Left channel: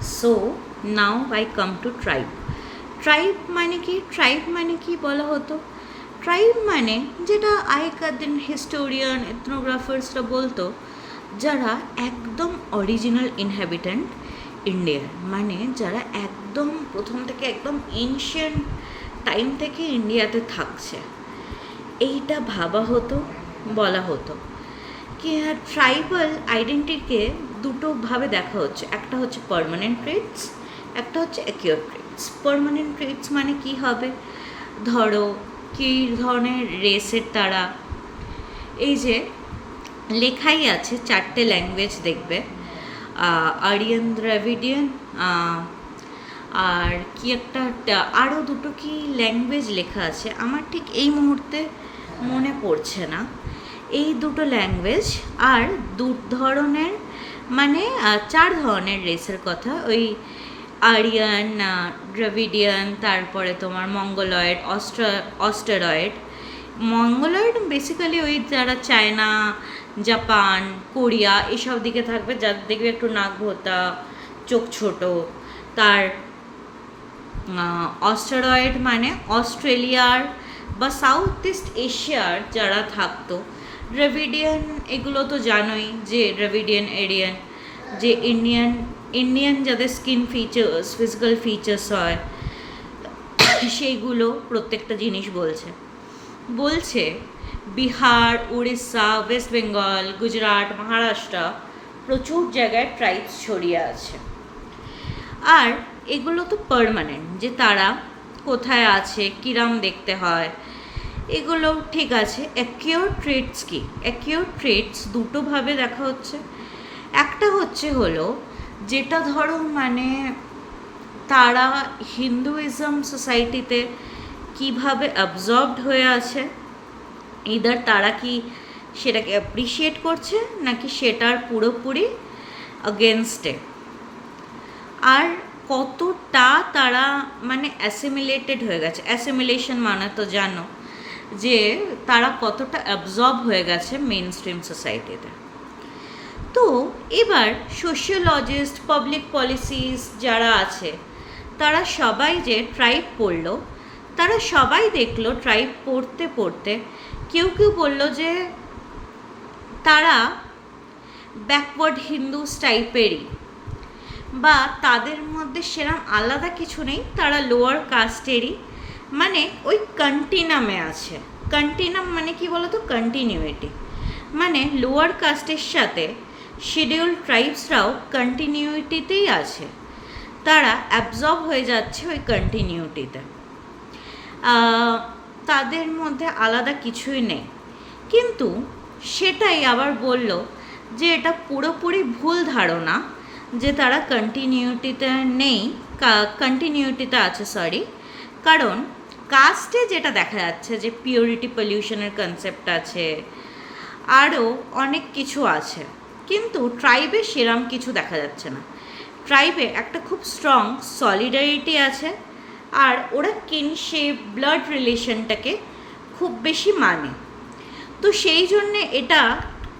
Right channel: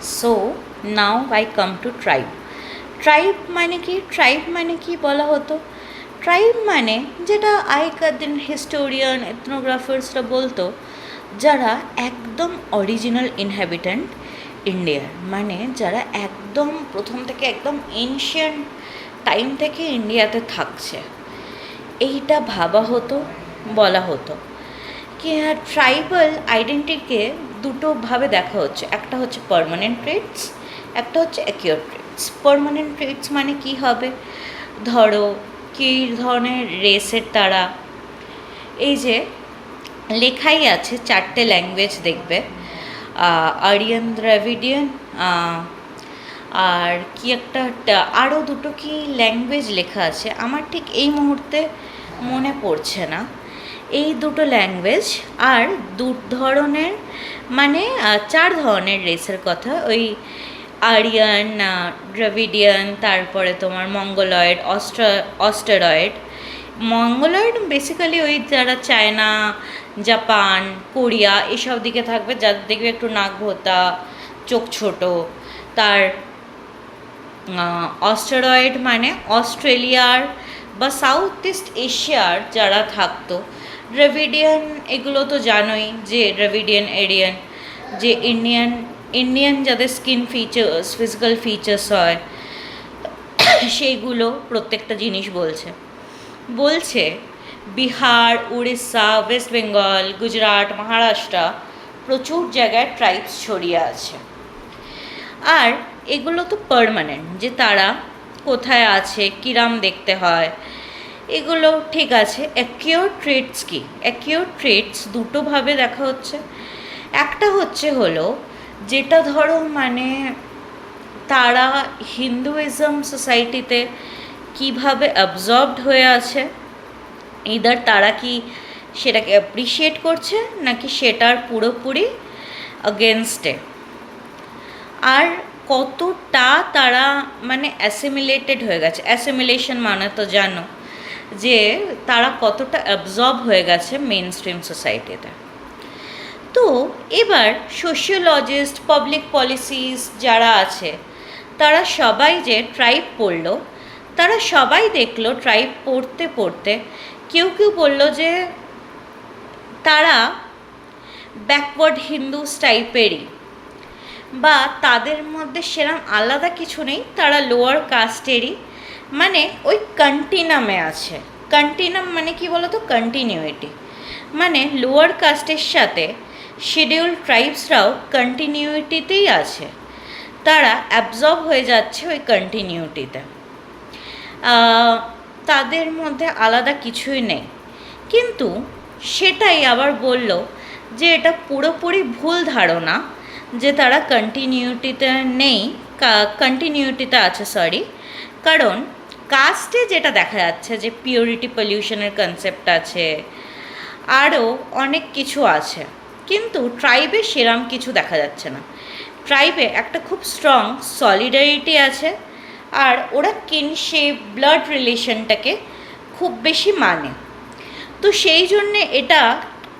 So now I come to tribe. Tribe মানে কি? Tribe মানে কি বলা হতো? ট্রাইব মানে যেটা আগেকার দিন হিস্টোরিয়ান এথনোগ্রাফার্সরা বলতো, যারা একদম অরিজিনাল ইনহ্যাবিট্যান্ট ইন্ডিয়ার, মানে যারা একদম প্রথম থেকে একদম এনশিয়েন্ট টাইম থেকে ইন্ডিয়াতে থাকছে, এইটা ভাবা হতো, বলা হতো। কি ট্রাইবাল আইডেন্টিটিকে দুটোভাবে দেখা হচ্ছে, একটা হচ্ছে পার্মানেন্ট ট্রেটস, একটা হচ্ছে অ্যাকিউর ট্রেটস। পার্মানেন্ট ট্রেটস মানে কি হবে? ধরো কী ধরনের রেসের তারা, এই যে লেখাই আছে 4টে ল্যাঙ্গুয়েজ দেখবে, আরিয়ান, দ্রাভিডিয়ান, আর কি একটা আরও দুটো কি ল্যাঙ্গুয়েজ লেখা আছে, আমার ঠিক এই মুহূর্তে মনে পড়ছে না। এই দুটো ল্যাঙ্গুয়েজ আর দু ধরনের, মানে 4 ধরনের রেসের কথা, ওই আরিয়ান, দ্রাভিডিয়ান, তারপরে তোমার মঙ্গলয়েড, অস্টেরয়েড। মঙ্গলয়েড বেসিক্যালি ওই যারা চায়না, জাপান, কোরিয়া এসব দিকে থাকবে, যাদের দেখবে একটু নাক ভোঁতা, চোখ ছোট। তার অস্টেরয়েড মানে অস্ট্রেলিয়ার বা সাউথ ইস্ট এশিয়ার যারা থাকতো। দ্রাভিডিয়ান এগুলো তো জানোই, যে দ্রাভিডিয়ান এরিয়ান, যে ইন্ডিয়ান যাদের স্কিন ফিচার্স, ফিজিক্যাল ফিচার্স হয়, সেইগুলো প্রত্যেকটা জিনিস বলছে বিহার, উড়িষ্যা, ওয়েস্ট বেঙ্গল, গুজরাট, মহারাষ্ট্র, প্রচুর জায়গায় ট্রাইবস ছড়িয়ে আছে। আর এগুলো তো পার্মানেন্ট, যে তারা কোথায় আছে, কিরাম দেখতে হয়, এগুলো ঠিক আছে। অ্যাকিউর ট্রেটস কি? অ্যাকিউর ট্রেটস দুটোভাবে দেখা হচ্ছে। একটা হলো যেটা ধরো মানে তারা হিন্দুইজম সোসাইটিতে কিভাবে অ্যাবজর্বড হয়ে আছে, ইদার তারা কি সেটাকে অ্যাপ্রিসিয়েট করছে নাকি সেটার পুরোপুরি অগেনস্টে, আর কতটা তারা মানে অ্যাসিমিলেটেড হয়ে গেছে। অ্যাসিমিলেশন মানে তো জানো, যে তারা কতটা অ্যাবজর্ব হয়ে গেছে মেন স্ট্রিম সোসাইটিতে। তো এবার সোশিওলজিস্ট, পাবলিক পলিসিস যারা আছে, তারা সবাই যে ট্রাইব পড়লো, তারা সবাই দেখলো ট্রাইব পড়তে পড়তে কেউ বললো যে তারা ব্যাকওয়ার্ড হিন্দুস টাইপেরই, বা তাদের মধ্যে সেরম আলাদা কিছু নেই, তারা লোয়ার কাস্টেরই, মানে ওই কন্টিনামে আছে। কন্টিনাম মানে কি বলো তো? কন্টিনিউইটি, মানে লোয়ার কাস্টের সাথে শিডিউল ট্রাইবসরাও কন্টিনিউইটিতেই আছে, তারা অ্যাবজর্ব হয়ে যাচ্ছে ওই কন্টিনিউটিতে, তাদের মধ্যে আলাদা কিছুই নেই। কিন্তু সেটাই আবার বলল যে এটা পুরোপুরি ভুল ধারণা, যে তারা কন্টিনিউটিতে নেই, কন্টিনিউটিতে আছে, কারণ কাস্টে যেটা দেখা যাচ্ছে যে পিওরিটি পলিউশনের কনসেপ্ট আছে, আরও অনেক কিছু আছে, কিন্তু ট্রাইবে সেরম কিছু দেখা যাচ্ছে না। ট্রাইবে একটা খুব স্ট্রং সলিডারিটি আছে, আর ওরা কিনশিপ, ব্লাড রিলেশনটাকে খুব বেশি মানে। তো সেই জন্যে এটা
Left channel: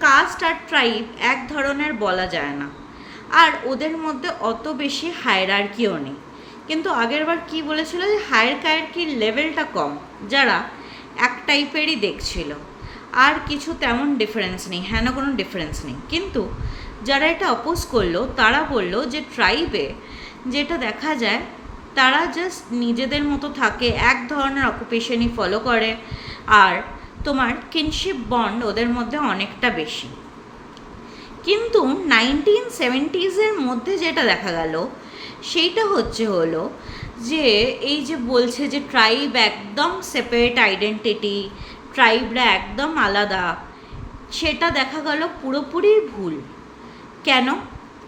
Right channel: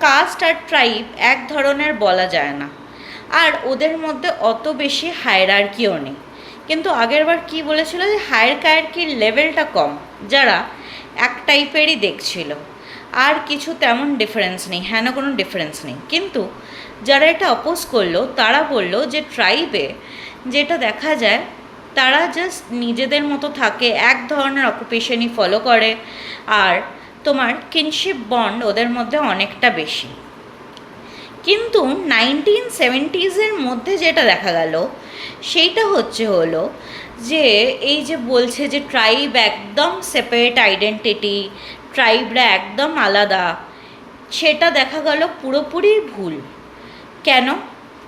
কাস্ট আর ট্রাইব এক ধরনের বলা যায় না, আর ওদের মধ্যে অত বেশি হায়ারার্কিও নেই। কিন্তু আগেরবার কি বলেছিল, যে হায়ারার্কির লেভেলটা কম, যারা এক টাইপেরই দেখছিল, আর কিছু তেমন ডিফারেন্স নেই, হ্যাঁ না কোনো ডিফারেন্স নেই। কিন্তু যারা এটা অপোজ করলো, তারা বলল যে ট্রাইবে যেটা দেখা যায়, তারা জাস্ট নিজেদের মতো থাকে, এক ধরনের অকুপেশনই ফলো করে, আর তোমার কিনশিপ বন্ড ওদের মধ্যে অনেকটা বেশি। কিন্তু 1970s মধ্যে যেটা দেখা গেল, সেইটা হলো যে এই যে বলছে যে ট্রাইব একদম সেপারেট আইডেন্টিটি, ট্রাইবরা একদম আলাদা, সেটা দেখা গেল পুরোপুরি ভুল। কেন?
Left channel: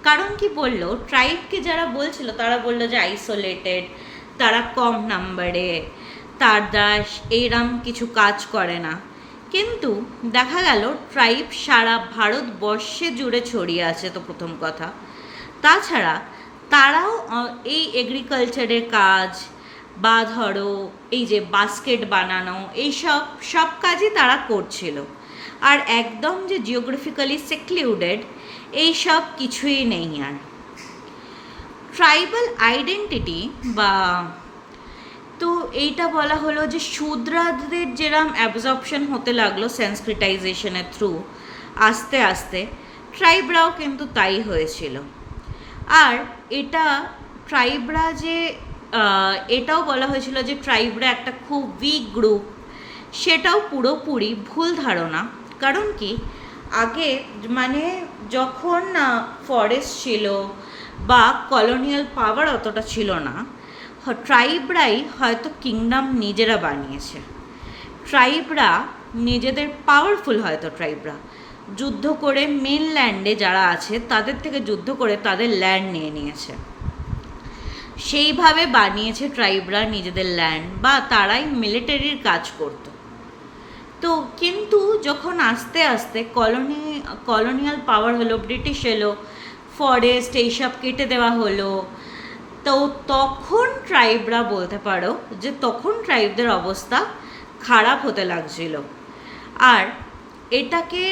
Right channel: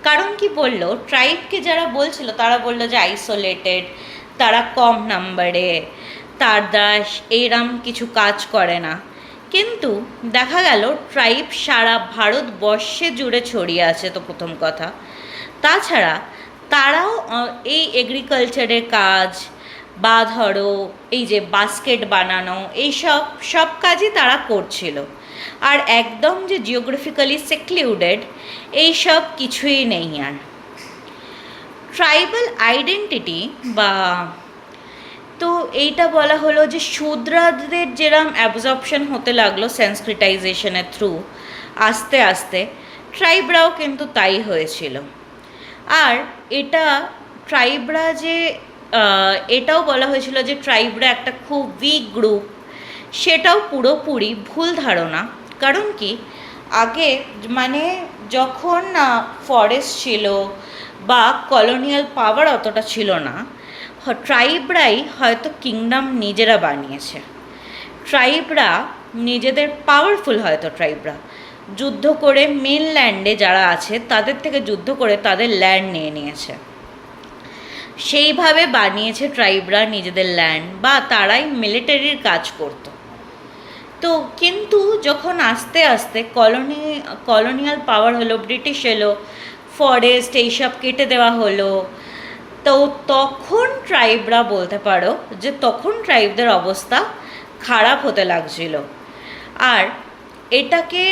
কারণ কি বললো, ট্রাইবকে যারা বলছিল তারা বললো যে আইসোলেটেড, তারা কম নাম্বারে, তারা এরম কিছু কাজ করে না। কিন্তু দেখা গেল ট্রাইব সারা ভারতবর্ষে জুড়ে ছড়িয়ে আছে, তো প্রথম কথা। তাছাড়া তারাও এই এগ্রিকালচারের কাজ, বা ধরো এই যে বাস্কেট বানানো, সব কাজই তারা করছিল, আর একদম যে জিওগ্রাফিক্যালি সেক্লুডেড, এই সব কিছুই নেই। আর ট্রাইবাল আইডেন্টিটি বা তো এইটা বলা হলো যে শূদ্রদের যেরম অ্যাবজর্পশন হতে লাগলো সংস্কৃতাইজেশনের থ্রু আস্তে আস্তে, ট্রাইবরাও কিন্তু তাই হয়েছিল। আর এটা ট্রাইবরা যে এটাও বলা হয়েছিল যে ট্রাইবরা একটা খুব উইক গ্রুপ, সেটাও পুরোপুরি ভুল ধারণা। কারণ কি, আগে মানে যখন ফরেস্ট ছিল বা কলোনিয়াল পাওয়ার অতটা ছিল না, ট্রাইবরাই হয়তো কিংডম নিজেরা বানিয়েছে। ট্রাইবরা নিজেদের পাওয়ারফুল, হয়তো ট্রাইবরা যুদ্ধ করে মেনল্যান্ডে যারা আছে তাদের থেকে যুদ্ধ করে তাদের ল্যান্ড নিয়ে নিয়েছে, সেইভাবে বানিয়েছে ট্রাইবরা নিজেদের ল্যান্ড, বা তারাই মিলিটারির কাজ করতো। তো কিন্তু যখন আস্তে আস্তে কলোনিয়াল পাওয়ার হলো, ব্রিটিশ এলো, ফরেস্ট এইসব কেটে দেওয়া হলো, তো তখন ট্রাইবরা বলতে পারো যে তখন ট্রাইবদের অবস্থা খারাপ হতে লাগছিল। আর এটাকে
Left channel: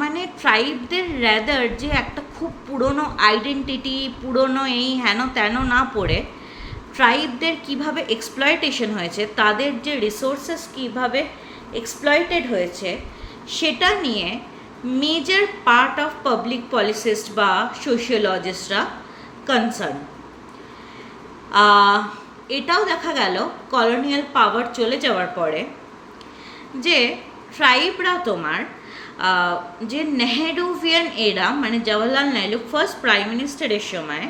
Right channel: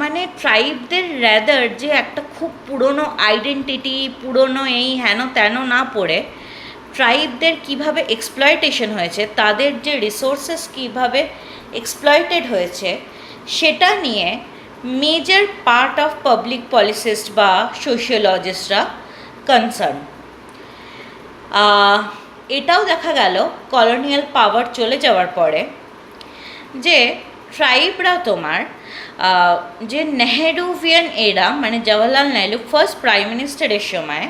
মানে ট্রাইবদের র্যাদার যে একটা খুব পুরনো আইডেন্টিটি, পুরনো এই হেন তেন না পড়ে, ট্রাইবদের কিভাবে এক্সপ্লয়টেশন হয়েছে, তাদের যে রিসোর্সেস কিভাবে এক্সপ্লয়েটেড হয়েছে, সেটা নিয়ে major part of public polycyst বা সোশিওলজিস্টরা কনসার্ন। এটাও দেখা গেল কলোনিয়াল পাওয়ার চলে যাওয়ার পরে যে ট্রাইবরা তোমার যে নেহেরুভিয়ান এরা, মানে জওহরলাল নেহরু ফার্স্ট প্রাইম মিনিস্টারের সময়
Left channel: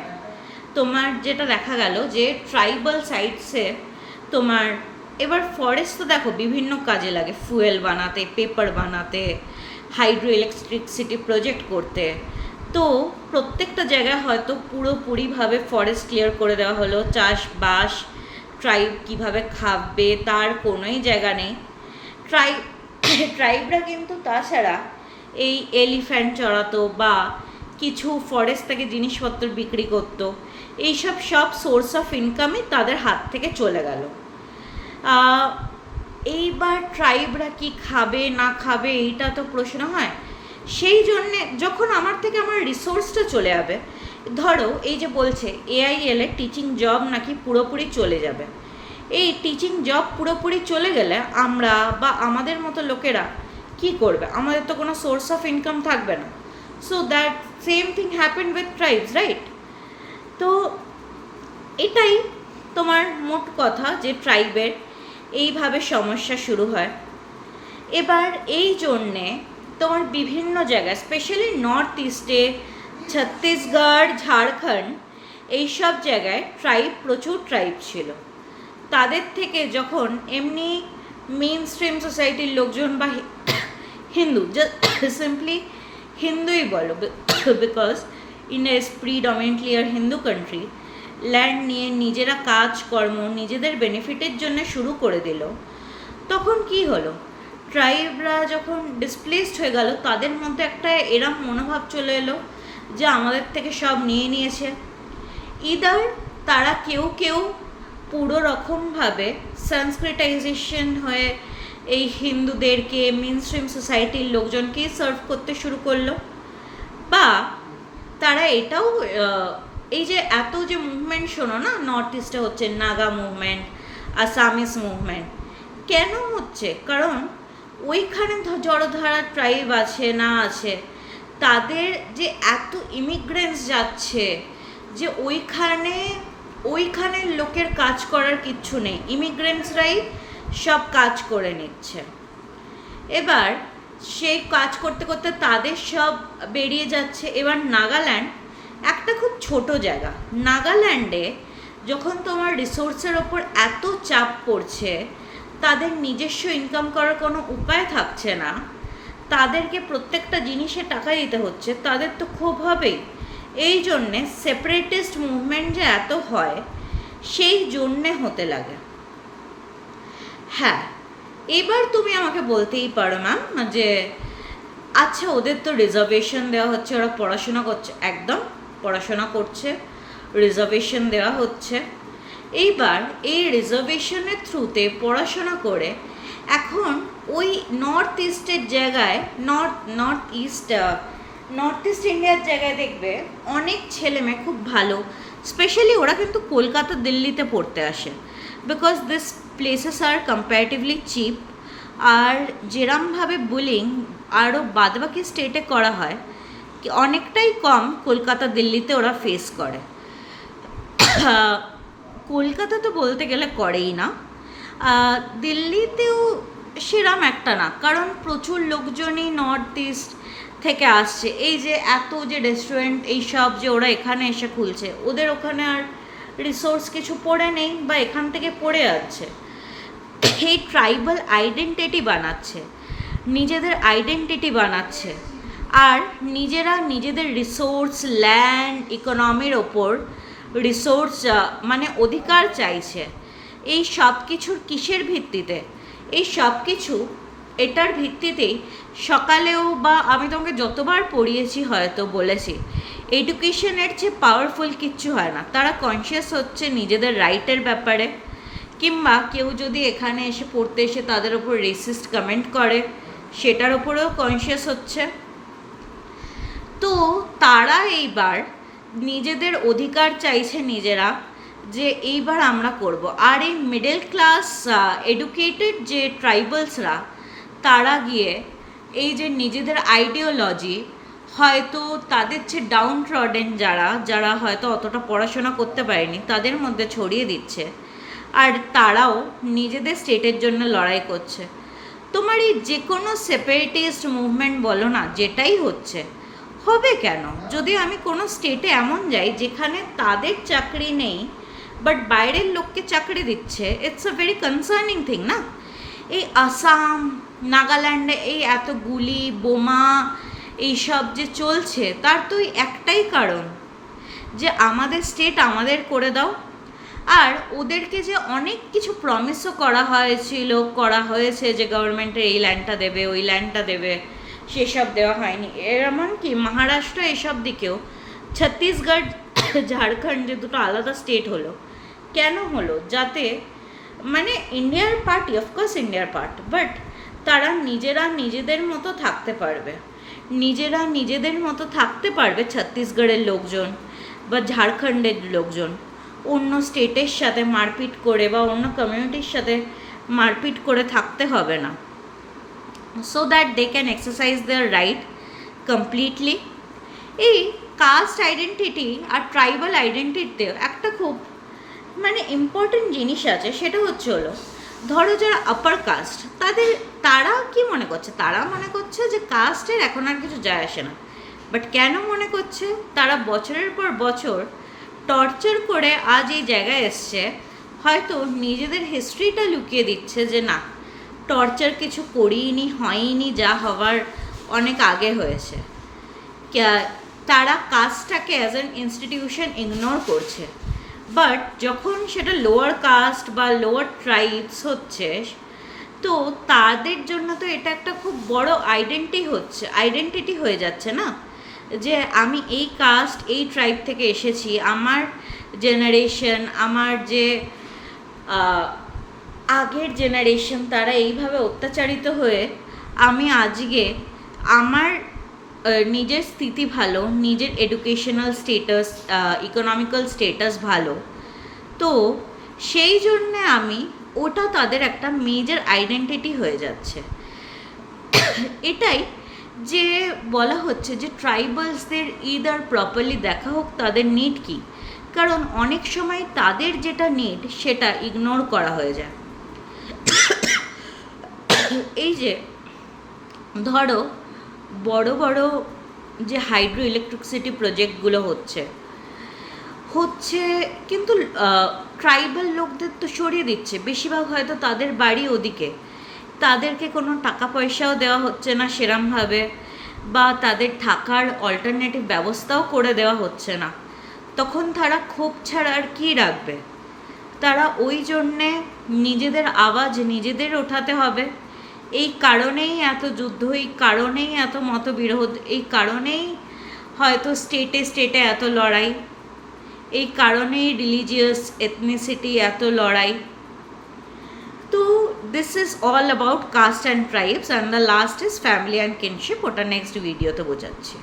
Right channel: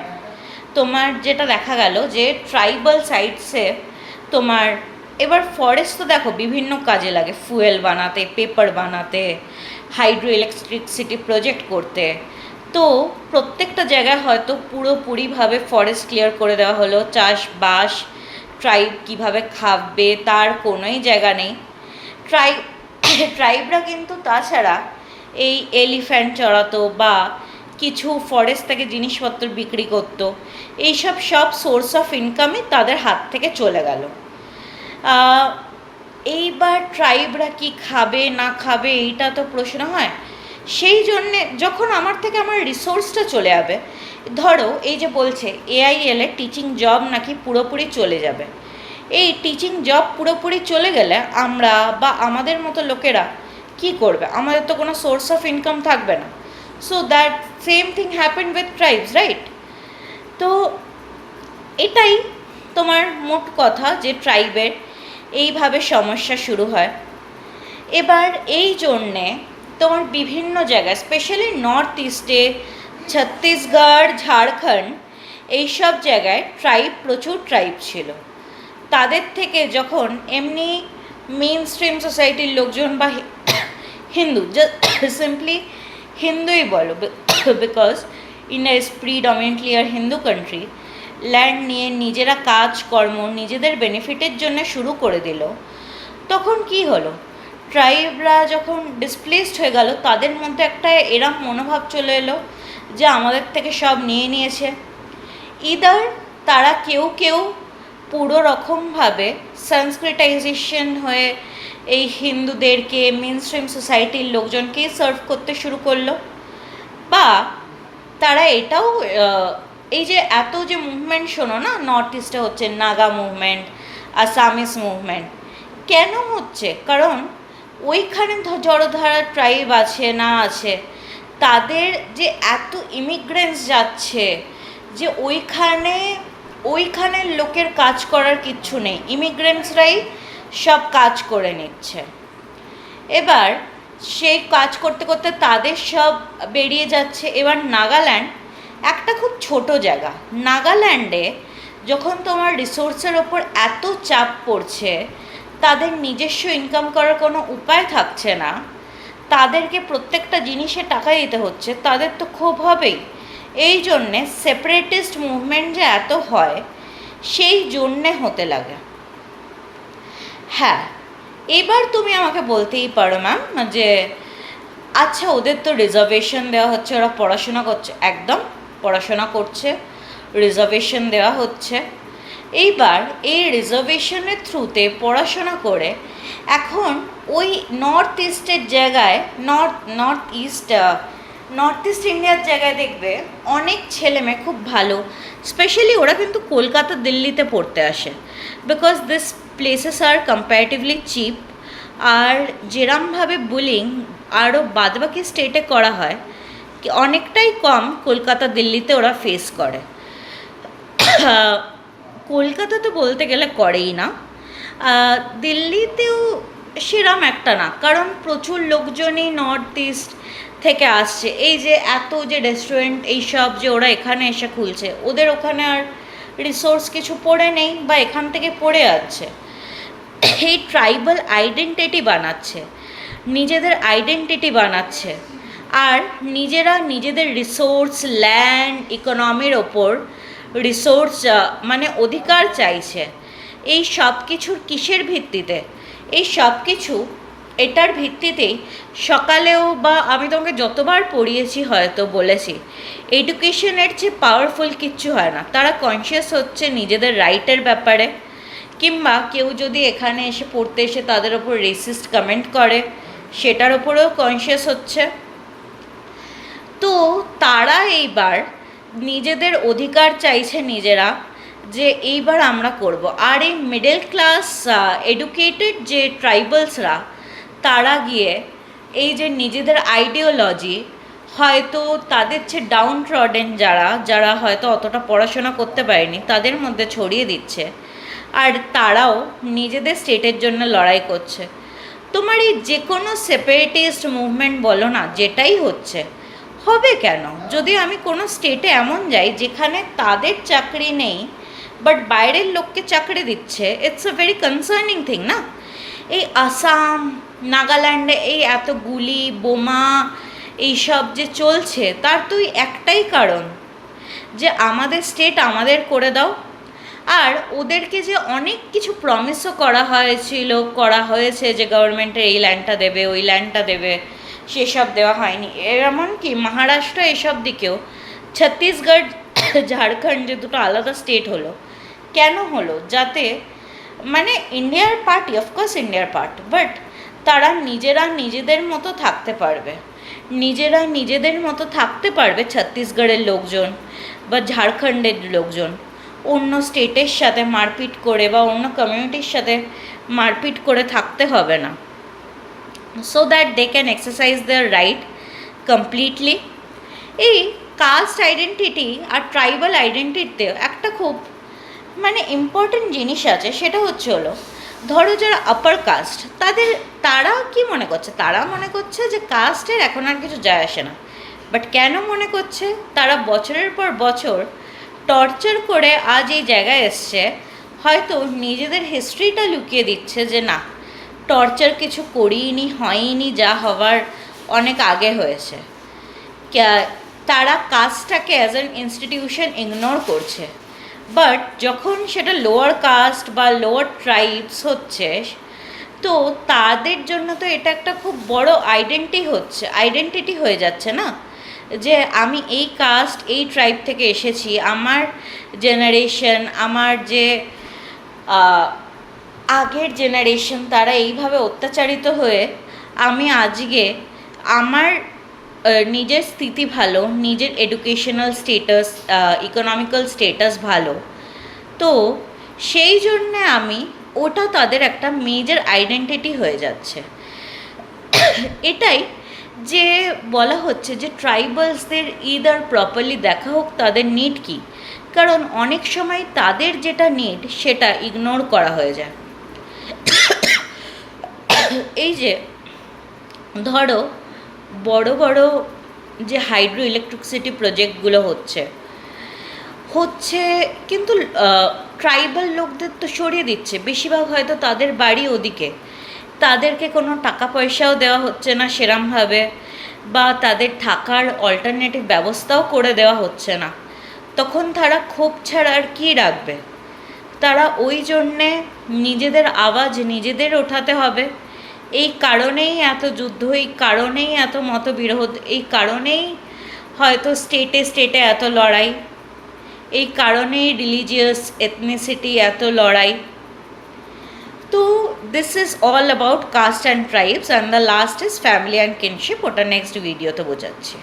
তোমার যেটা দেখা গেল যে ট্রাইবাল সাইটসে তোমার, এবার ফরেস্ট তো দেখো বিভিন্ন কাজে লাগে, ফুয়েল বানাতে, পেপার বানাতে, হাইড্রো ইলেকট্রিসিটি প্রজেক্ট করতে। তো প্রত্যেকটা জায়গায় হয়তো পুরোপুরিভাবে ফরেস্ট ক্লিয়ার করে দেওয়া হলো, চাষবাস ট্রাইব কীভাবে খাবে তার কোনোই জায়গা নেই। ট্রাইবরা কিন্তু তাছাড়া এই এলিফ্যান্ট চড়াতো বা কিছু ফরেস্ট থেকে জিনিসপত্র বিক্রি করতো, এইসব সব সোর্স অফ ইনকামই তাদের হাত থেকে চলে গেল। এইবার ট্রাইবরা কি খাবে না খাবে এইটা তো প্রশ্ন হয়। সেই জন্যে যখন আমার থেকে আমার রিসোর্সটা চলে যাবে, ধরো এই যে বলছে AIL এর টিচিং জব নাকি পুরোপুরি চলে যাবে, এই টিচিং জব পুরোপুরি চলে গেলে আমরা বা আমাদের মতো লোকেরা কি করবে? আমাদের তো কোনো সোর্স অফ ইনকাম থাকবে না। So that same thing happened with tribes, right? তো এটাই তোমার মোট কথা যে ট্রাইবের এইভাবে সমস্যা শুরু হয়। এবার এই জন্যে তোমার বিভিন্ন জায়গায়, স্পেশালি নর্থ ইস্টে, ছত্তিশগড়, ঝাড়খণ্ড, এইসব জায়গায় প্রচুর ট্রাইব ছিল। তাদের থেকে যখন এমনি মেন স্ট্রিম সোসাইটির লোকজন বা হিন্দু, সিম্পলি হিন্দুই বলো, because India is predominantly a Hindu country, land নিয়ে নিজেরা কাজকর্ম নিজেদের বেনিফিটের জন্য শুরু করে দিল, তখন কি হলো? ট্রাইবরা যখন ডিসপ্লেসড হয়ে গেল, তাদের মধ্যে একটা এরম মনোভাব চলে এলো যে আমাদের থেকে সব নিয়ে নিয়েছে। ইদার তারা কেউ কেউ পুরো রকমভাবে সংস্কৃতাইজেশন হয়ে এই হিন্দুদেরকে, মেন স্ট্রিম সোসাইটির লোকজনকেই সার্ভ করতে শুরু করলো, বা তারা এটাও এই যে এত যে মুভমেন্ট শোনো না, নর্থ ইস্টে হচ্ছে নাগা মুভমেন্ট, আসামিস মুভমেন্ট, কেন হচ্ছে? কারণ ওইখানে জড়ধারা ট্রাইব আছে না আছে, তাদের যে এত ইমিগ্রেন্টস যাচ্ছে যে ওইখানের লোকের কাজ করার কিচ্ছু নেই, ইমিগ্রেন্টসরাই সব কাজ করে নিচ্ছে। এবার সেই কাজ করতে করতে তাদের সব বেরিয়ে যাচ্ছে। এবার নাগাল্যান্ড একটা খুব ছোট জায়গা, নাগাল্যান্ডে যখন তোমার রিসোর্সের ওপর এত চাপ পড়ছে, তাদের নিজস্ব ইনকাম করার কোনো উপায় থাকছে না, তাদেরকে প্রত্যেকটা জিনিসে টাকা দিতে হচ্ছে, তাদের তো ক্ষোভ হবেই। এই জন্যে সেপারেটিস্ট মুভমেন্ট যে এত হয়, সেই জন্যে হতে লাগে। হ্যাঁ, এবার তুমি আমাকে বলতেই পারো ম্যাম যে আচ্ছা ওদের তো রিজার্ভেশন দেওয়া হচ্ছে, ওরা পড়াশোনা করছে, একদম পড়াশোনা করছে, রিজার্ভেশন দেওয়া হচ্ছে। এইবার এই রিজার্ভেশনের থ্রুতে পড়াশোনা করে এখন ওই নর্থ ইস্টের জায়গায়, নর্থ ইস্ট ইন্ডিয়ার জায়গায় দেখবে অনেক ছেলেমেয়ে খুব ভালো স্পেশালি ওরা কিন্তু কলকাতা দিল্লিতে পড়তে আসে, because this places are comparatively cheap. আর যেরমভাবে বুলিং আরও বাদবাকি স্টেটে করা হয় অনেকটাই কম কলকাতা দিল্লিতে ওরা ফেস করে। কলকাতা তো বলতে গেলে করেই না, দিল্লিতেও সেরম একটা না, কারণ প্রচুর লোকজনই নর্থ ইস্ট থেকে আসছে। এই যে এত যে রেস্টুরেন্ট এইসব যে ওরা এখানে এসে খুলছে, ওদের ওখানে আর রিসোর্স কিছু পড়ে নেই বা এখান থেকে পড়ে যাচ্ছে। এই ট্রাইবাল আইডেন্টিটি বানাচ্ছে, নিজেদের আইডেন্টিটি বানাচ্ছে, আর নিজেরা নিজেদের রিসোর্স, ল্যান্ড, ইকোনমির ওপর রিসোর্স মানে অধিকার চাইছে। এই সব কিছুর কিসের ভিত্তিতে? এই সব কিছু এটার ভিত্তিতেই সকালেও বা আমি তোমাকে যতবার পড়িয়েছি হয়তো বলেছি, এডুকেশনের চেয়ে পাওয়ারফুল কিচ্ছু হয় না। তারা কনসিয়াস হচ্ছে নিজেদের রাইটের ব্যাপারে, কিংবা কেউ যদি এখানে এসে পড়তে এসে তাদের ওপর রেসিস্ট কমেন্ট করে সেটার ওপরেও কনসিয়াস হচ্ছে। তো তারা এইবার নিজেদের অধিকার চাইছে নিজেরা, যে এইবার আমরা করব। আর এই মিডল ক্লাস এডুকেটেড যে ট্রাইবালসরা, তারা গিয়ে এই যে নিজেদের আইডিওলজি, হয়তো তাদের চেয়ে ডাউন ট্রডেন যারা হয়তো অতটা পড়াশোনা করতে পারেনি তাদের মধ্যে ছড়িয়ে দিচ্ছে, আর তারাও নিজেদের স্টেটের জন্য লড়াই করছে। তোমার এই যে কোনো সেপারেটিস্ট মুভমেন্ট বলো না, যেটাই হচ্ছে, হবে কেন? যদি আমি কোনো স্টেটে এমন যাই যেখানে তাদের চাকরি নেই বাট বাইরের লোককে চাকরি দিচ্ছে, it's a very concerning thing না? এই আসাম, নাগাল্যান্ডে এই এত গুলি, বোমা এইসব যে চলছে, তার তো একটাই কারণ, যে আমাদের স্টেট আমাদের করে দাও। আর ওদেরকে যে অনেক কিছু প্রমিসও করা হয়েছে, যে গভর্নমেন্টের এই ল্যান্ডটা দেবে, ওই ল্যান্ডটা দেবে, সেসব দেওয়া হয়নি। এমনকি মহারাষ্ট্র এসব দিকেও, ছত্তিশগড়, ঝাড়খণ্ড যে দুটো আলাদা স্টেট হলো, কেন হলো? যাতে মানে ইন্ডিয়ার পার্টি, অফকোর্স ইন্ডিয়ার পার্ট, বাট তারা নিজেরা নিজেদের মতো থাকতে পারবে, ছত্তিশগড়ের লোকজন বা ঝাড়খণ্ডের লোকজন অন্য স্টেটের সাথে মারপিট করে বা অন্য কমিউনিটির সাথে মারপিট করে থাকতে হবে না, so that they can exercise their right completely. এই কাস্ট আইডেন্টিটি আর ট্রাইবাল আইডেন্টিটিতে একটা খুব মানে ইম্পর্টেন্ট জিনিস আছে, সেটা হলো ধরো যারা আপার কাস্ট, তারা কি মনে করছে? তারা মনে করছে যে কাস্টের এখন আর কিছু যায় আসে না। বাট কেন মনে করছে? তারা বছরের পর বছর টর্চার করে আজ এই জায়গায় এসছে, হয়তো নিজেদের হিস্ট্রিটা লুকিয়ে দিচ্ছে যে না, টর্চার কিছু করিনি, হয়নি, যা হওয়ার অনেক আগে হয়েছে। তারা কাস্টটাকে অ্যাজ অ্যান ইনস্টিটিউশন ইগনোর করছে। বাট যখন সেটা লোয়ার কাস্ট বা লোয়ার ট্রাইবস হচ্ছে, তো তাদের জন্য তো এটা একটা খুব বড় আইডেন্টিটি হয়ে যাচ্ছে না, যে আমি এই কাস্ট, এই ট্রাইব থেকে এসেছি, আমার জেনারেশন, আমার যে আগের জেনারেশন, তারা এইভাবে অত্যাচারিত হয়ে আমি আজকে আমার নিজের স্থিতি ভালো, নিজের এডুকেশনাল স্টেটাস, ইকোনমিক্যাল স্টেটাস ভালো, তো সেই জন্যে ওটা তাদের একটা মেজর আইডেন্টিটি হয়ে যাচ্ছে। এটাই যে বলা হচ্ছে যে ট্রাইবালসদের ইদার প্রপারলি দেখা হোক তাদের নিড কী, কারণ অনেক সময় তাদের যেটা নিড সেটা ইগনোর করা হয়ে যায়। এই যে ধরো বড় বড় যে হাইড্রো ইলেকট্রিসিটি প্রজেক্টগুলো হচ্ছে, কিন্তু ট্রাইবাল লোকদের তো সরিয়ে দিচ্ছে, বেশিরভাগ হয়তো তাদের বাড়ি ওদিকে, তাদেরকে কোনো টাকা পয়সাও দেওয়া হচ্ছে না সেরমভাবে, বা তাদের থাকার অল্টারনেটিভ ব্যবস্থাও করে দেওয়া হচ্ছে না। তখন তারা ক্ষোভ ছাড়া আর কী রাখবে? তারা ওই জন্যে নিজেদের আওয়াজ নিজেদের ওঠাতে হবে। এই কারণেই এত যুদ্ধ, এই কারণেই এত মতবিরোধ, এই কারণেই হয়তো স্টেটে এত লড়াই, এই কারণেই রিলিজিয়াস এথনিসিটি এত লড়াই। তো this is all about caste and tribes, and the last is family and kinship. ওটা নেক্সট ভিডিওতে বোঝাচ্ছি।